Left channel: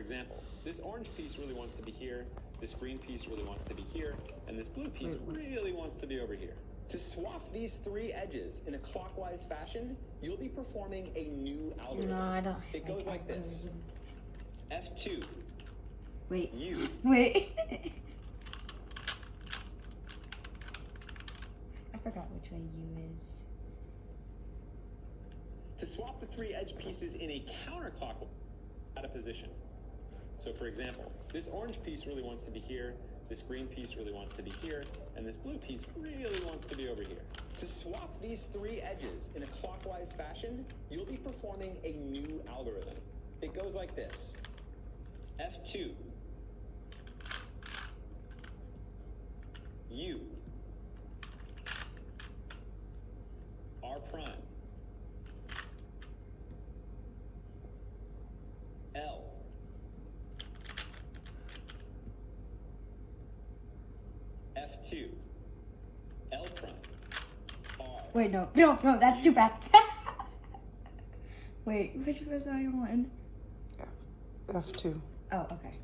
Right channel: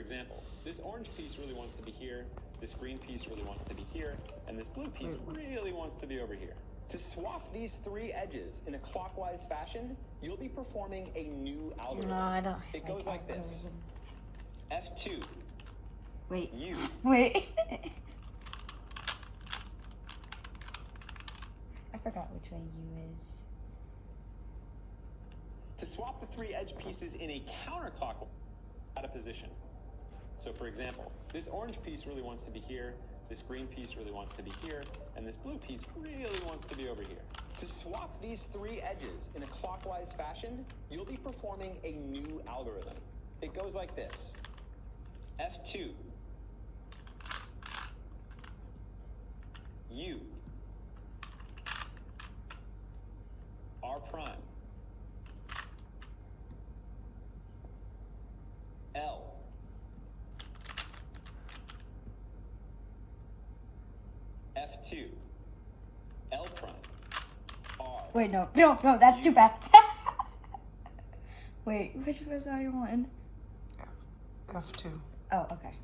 For example, this orange piece really wants to be here, this green piece really wants to be here, and this blue piece really wants to be over here. To swap these three edges in a clockwise fashion, you'll be performing a new algorithm. No, I don't. It goes like this. F2. Wait. U. Wait. I forgot which way U is. To swap the three edge pieces in a counterclockwise out of position. So for example, this orange piece really wants to be here, this green piece really wants to be here, and this blue piece really wants to be over here. To swap these three edges in a clockwise fashion, you'll be performing a new algorithm. It goes like this. F2. U. R prime. L. F2. L prime. R. Wait, no, that's too bad. Wait, which was I on? F2. Oh, okay.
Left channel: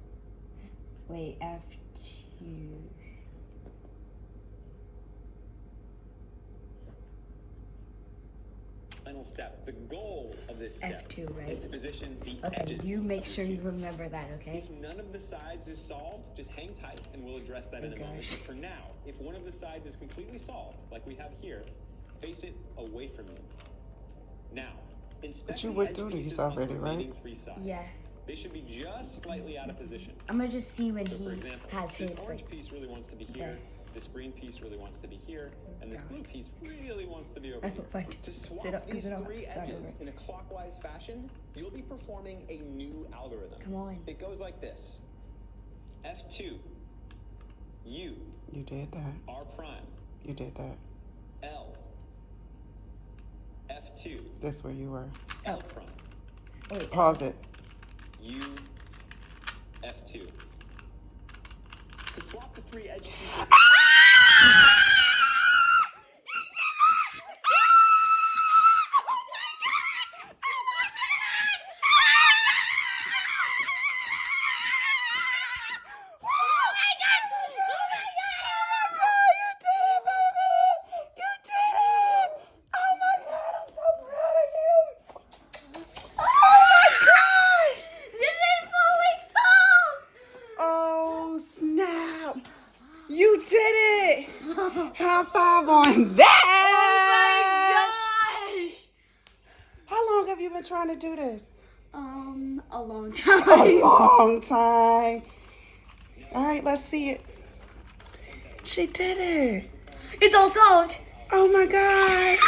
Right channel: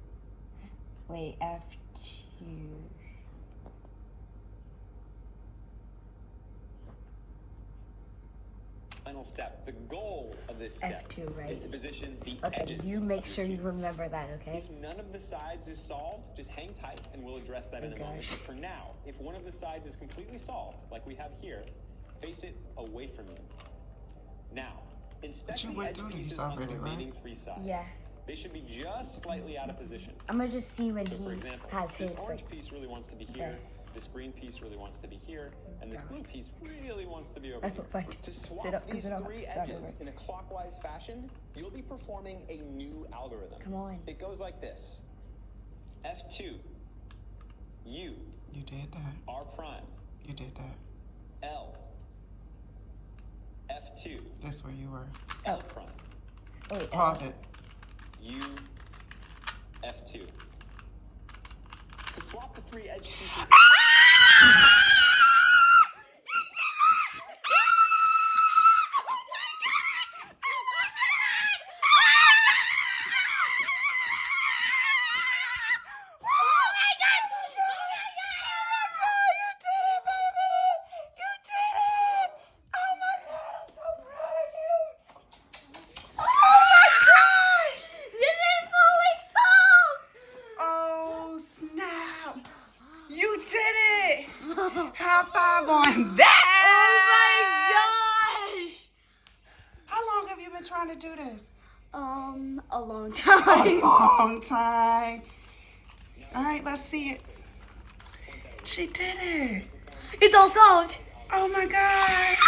Wait, F2. Final step. The goal of this step F2, right? is to position the Okay, edges. you make of sure your you cube. remember that, okay? If none of the sides is solved, just hang tight and we'll address that in a moment. gosh. But for now, if one of the sides is completely solved, like we have here, face it away from you. Now, inspect you the went edge through these pieces on the already, right? remaining three sides. Yeah. They should be just slightly out of position. I'm gonna just see when So for he example, has this his, orange like, piece really wants to be here, this green piece really wants to be here, and this blue piece really wants to be over here. But To swap sit up, these because I don't have three to start edges over. in a clockwise fashion, you'll be performing a new algorithm. Come on. It goes like this. F2. U. You did that. R prime. You did that. L. F2. That's where you were. L prime. Wait, Pause it. U. F2. To swap the three edge pieces. Oh, snap. You did it. High five on that. Oh my gosh! How long have you been trying to do this? A long A time. long time. All right, let's see it. She did it. It's all solved. Oh my God.